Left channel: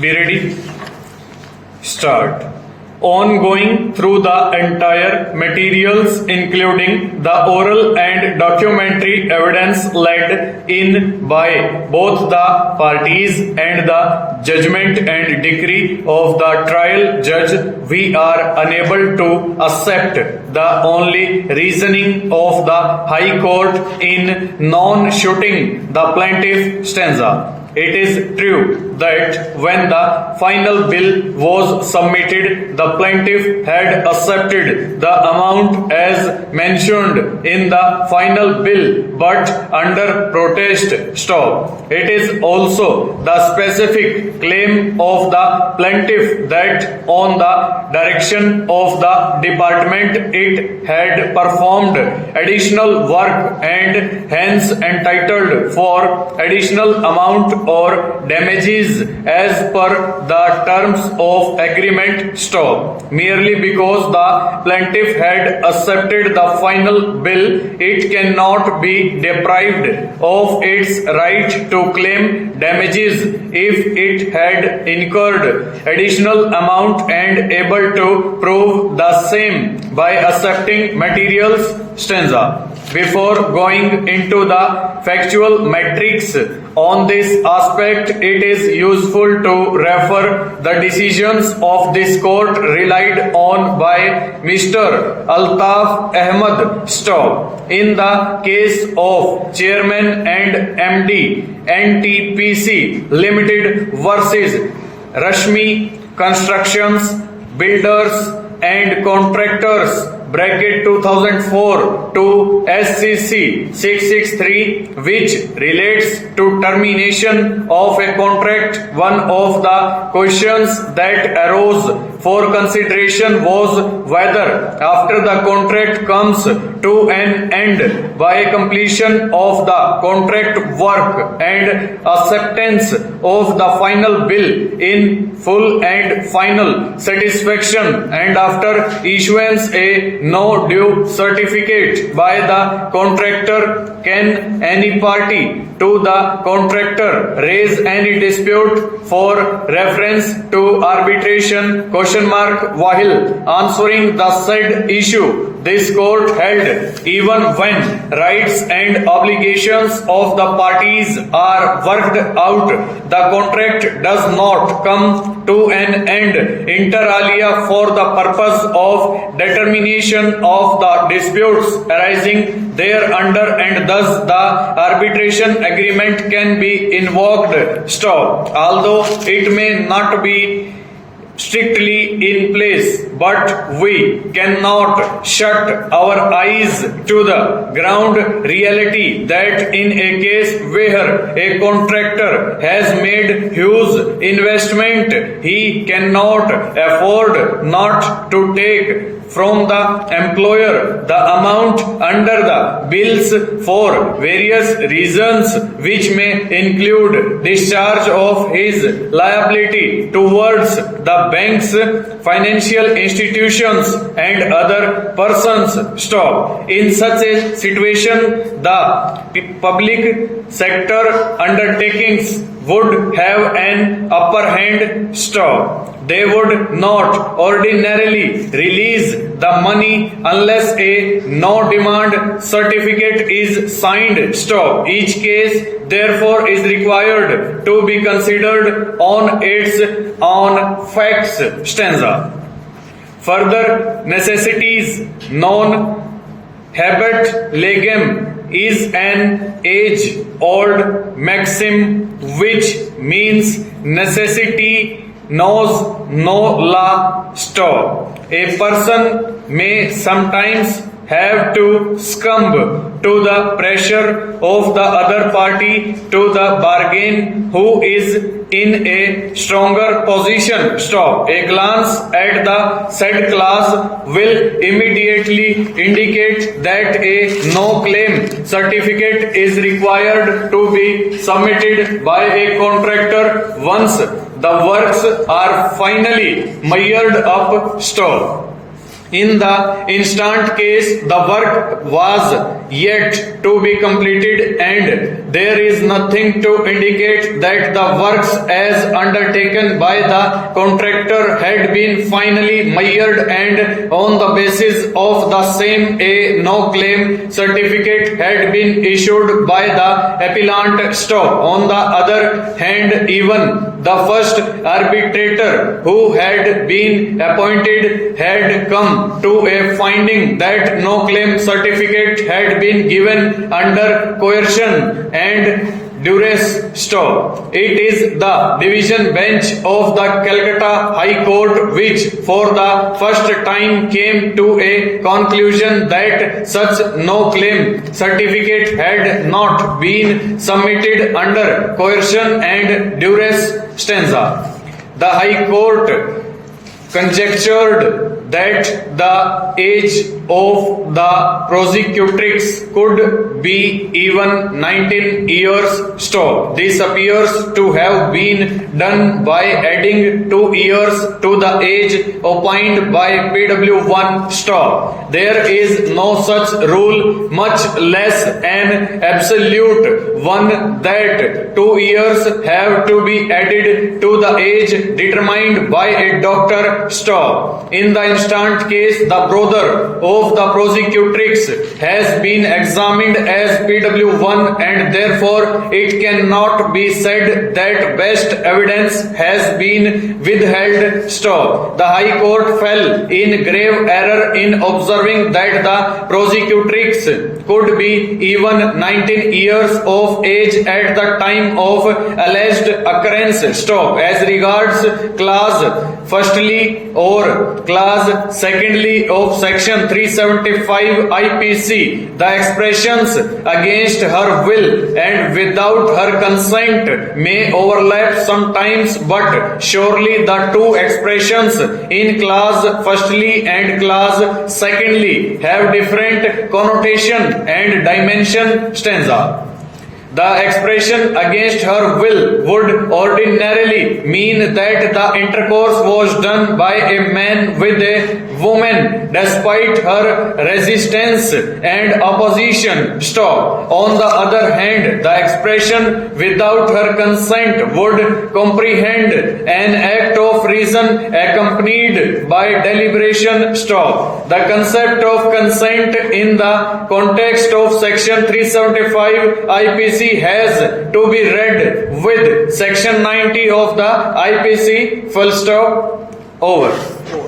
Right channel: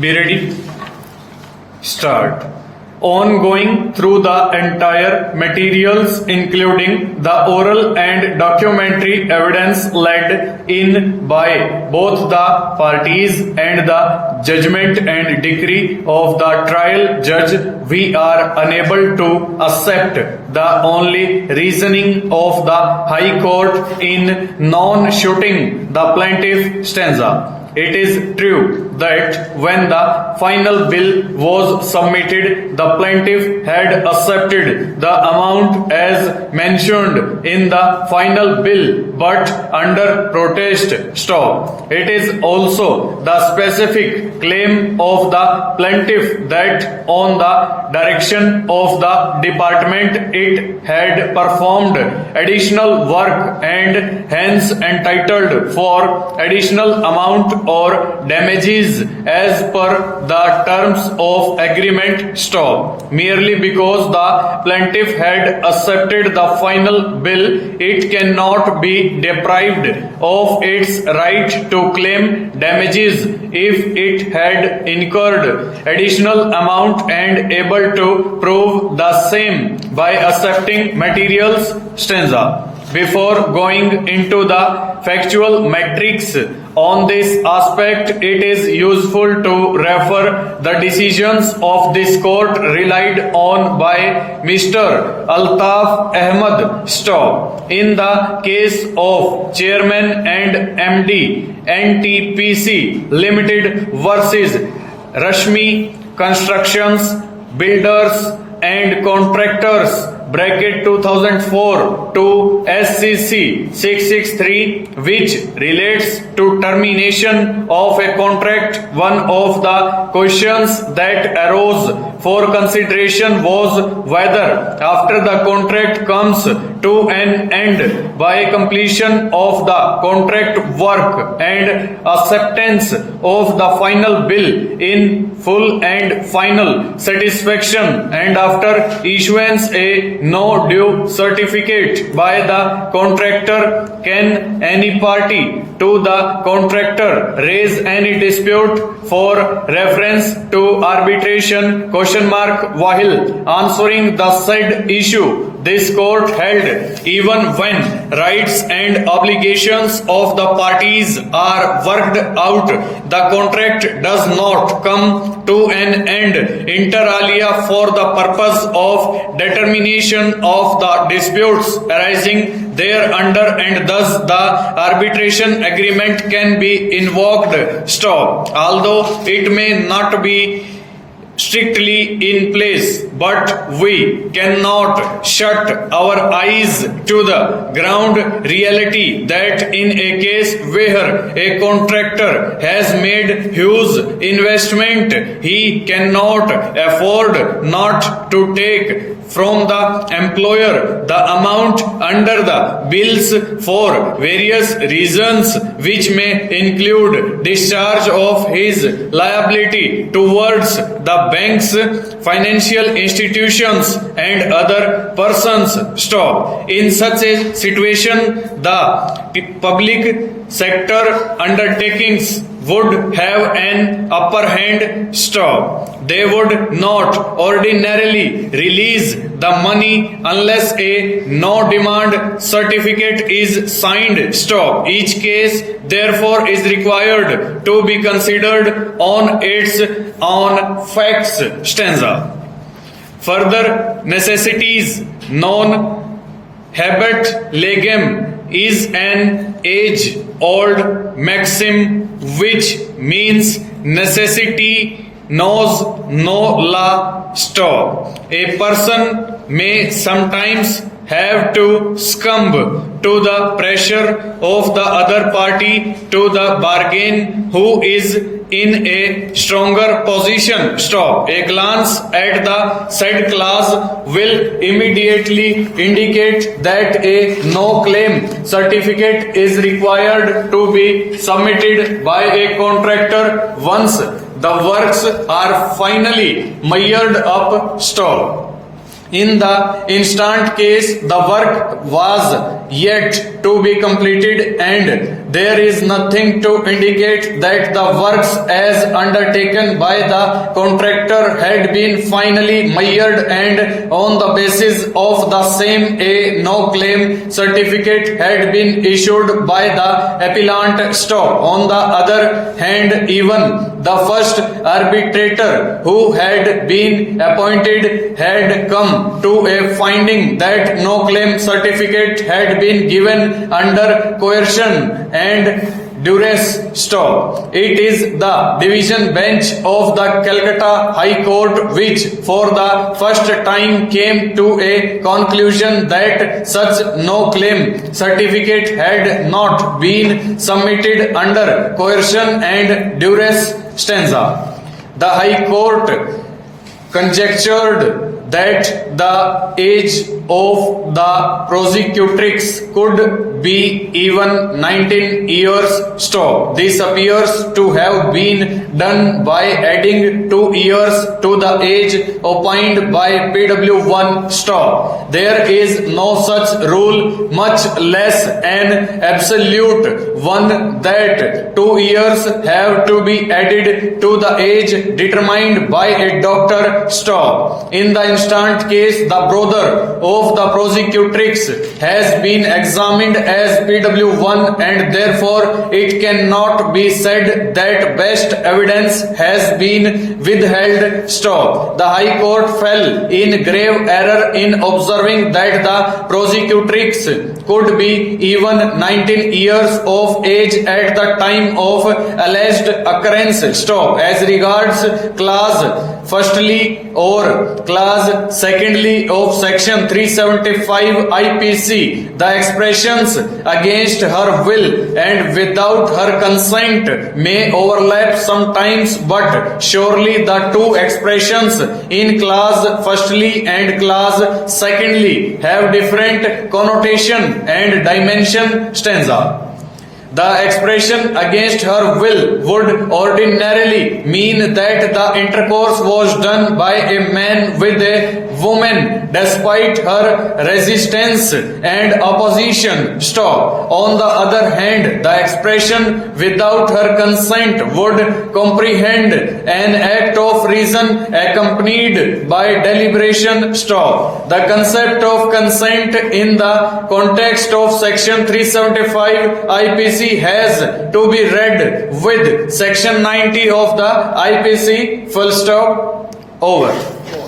Be ready? Start. On going through the entire materials, including the oral and documentary evidence led in by both the parties and the judgment and decree of the trial judge, we are unable to accept the only reasoning of the High Court in non-shooting the plaintiff stanza. It is true that when the final bill was submitted, the plaintiff had accepted the amount as mentioned in the final bill, but under protest. Stop. It is also the specific claim of the plaintiff that on the direction of the department it had performed additional work and hence entitled for additional amount or damages as per the terms of agreement. Stop. Merely because the plaintiff had accepted the final bill, it cannot be deprived of its right to claim damages if it had incurred additional amount and able to prove the same by accepting materials. Stanza. Before going into the factual metrics on this aspect, it is useful to refer the decisions of this court relied on by Mr. Altaf Ahmad. Stop. In the case of Chairman and MD NTPC Limited versus Rashmi Constructions, Builders and Contractors bracket 2004 to SCC 663, which relates to termination of a contract. One of the questions that arose for consideration was whether after the contract comes to an end by completion of the contract work and acceptance of the final bill in full and final satisfaction, and after issuance a no due certificate by the contractor, can any party to the contractor raise any dispute for reference to arbitration? While answering the said issue, this court held even when rights and obligations of the parties are worked out, the contract does not come to an end inter alia for the purpose of determination of the disputes arising thereunder, and thus the arbitration agreement can be invoked. Stop. Although it may not be strictly in place, but we cannot shut our eyes to the ground reality that in a case where a contractor has made huge investment, he cannot afford not to take from the employer the amount under the bills for various reasons, which may include discharge of his liability towards the banks, financial institutions and other persons. Stop. In such a situation, the public sector undertakings would have an upper hand. Stop. They would not ordinarily release the money unless a no demand certificate is signed. Stop. Each case therefore is required to be considered on its own facts. Stanza. Further necessities. Non habet legem is an age-old maxim which means necessity knows no law. Stop. A person may sometimes have to succumb to the pressure of the other party to the bargain who is in a stronger position. Stop. A glance at the said clause will immediately indicate that a no claim certificate is required to be submitted by a contractor once the works are finally measured up. Stop. In the instant case, the work was yet to be completed, and there is nothing to indicate that the works as undertaken by the contractor had been finally measured, and on the basis of the same a no-claim certificate had been issued by the appellant. Stop. On the other hand, even the first arbitrator who had been appointed had come to a finding that no claim certificate had been given under coercion and duress. Stop. It is the division bench of the Calcutta High Court which for the first time came to a conclusion that such no claim certificate had not been submitted under coercion and duress. Stanza. The High Court conjectured that the age of the prosecutrix could be even 19 years. Stop. This appears to have been done by adding 2 years to the age opined by PW1. Stop. There is no such rule, much less an absolute one, that 2 years have to be added to the age determined by a doctor. Stop. In the instant case, the brother of the prosecutrix has been examined as PW1, and therefore it cannot be said that best evidence has been withheld. Stop. The High Court fell in grave error in observing that the prosecutrix could be even 19 years of age at the time of alleged occurrence. Stop. As regards clause firstly or clause secondly of section 375 IPC, the expressions against her will and without her consent may overlap sometimes, but surely the two expressions in clause firstly and clause secondly have different connotation and dimension. Stanza. The expression against her will would ordinarily mean that the intercourse was done by a man with a woman despite her resistance and opposition. Stop. On the other hand, the expression without her consent would comprehend an act of reason accompanied by deliberation. Stop. The concept of consent in the context of section 375 IPC has to be read with section 90 of the IPC. Full stop. Over.